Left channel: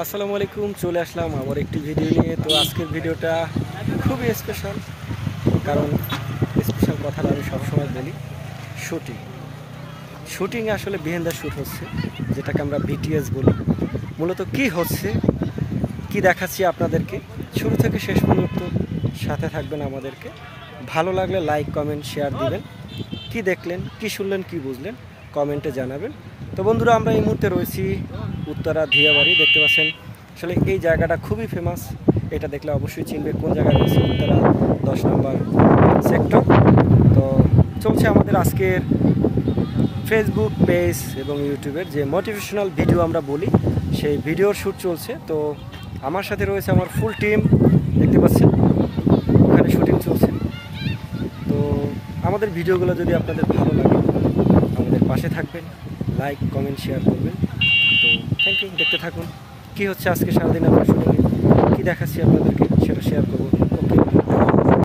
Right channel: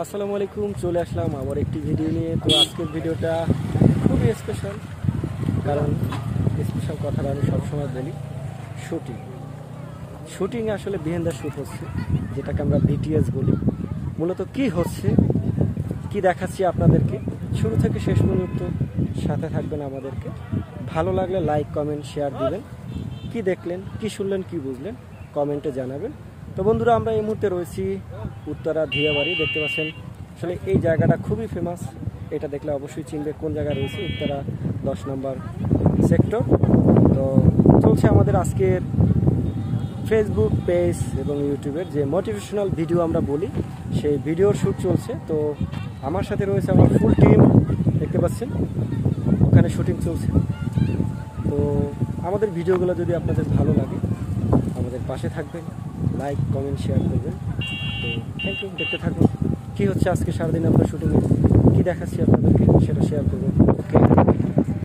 আসসালামু আলাইকুম, চলে আসলাম আমার একটি ভিডিও নিয়ে। তো আজকের ভিডিওটা খুবই স্পেশাল, কারণ স্পেশাল কথাটা আমি সবসময় বলি। শুটিং শুটিং আসলে বিহাইন্ড দ্য শ্যুট হচ্ছে, যেটাকে আমরা বিটিএস বলি। মূলত কি হচ্ছে, কি দেখাচ্ছি আপনাদেরকে, শুরু থেকে শেষ পর্যন্ত সাথে থাকবেন আমাদেরকে। ভালো লাগলে লাইক কমেন্ট শেয়ার দিবেন। কি দেখলেন, কি শুনলেন, কি বুঝলেন কমেন্টে জানাবেন। তো বন্ধুরা, আমরা এই মুহূর্তে রয়েছি উত্তরা ধিয়াবাড়ি। দেখতে পাচ্ছেন আসলে এই জায়গাটা খুবই ফেমাস। এটা দেখলে অবশ্যই চিনবে কোন জায়গায় রয়েছে, উত্তরা 10 নম্বর সেক্টর। তো চলছে আমাদের আজকের ফেসবুক পেজ এবং ইউটিউবের যে মোটিভেশনাল ভিডিও আমরা বলি, সেই ভিডিওর শ্যুট চলছে। তো আমার সাথে রয়েছে আমার ফুল টিম, দেখতে পাচ্ছেন ওখানে শুটিং চলছে। তো আমাদের ভিডিওগুলো যদি আপনাদের ভালো লাগে, আমাদের পাশে থাকবেন, লাইক কমেন্ট শেয়ার করবেন। তো থ্যাংক ইউ, দেখতে থাকুন কি হচ্ছে আজকে সারাদিন আমরা শুটিংয়ে, কী দেখাচ্ছি আপনাদেরকে সেটা শেয়ার করবো।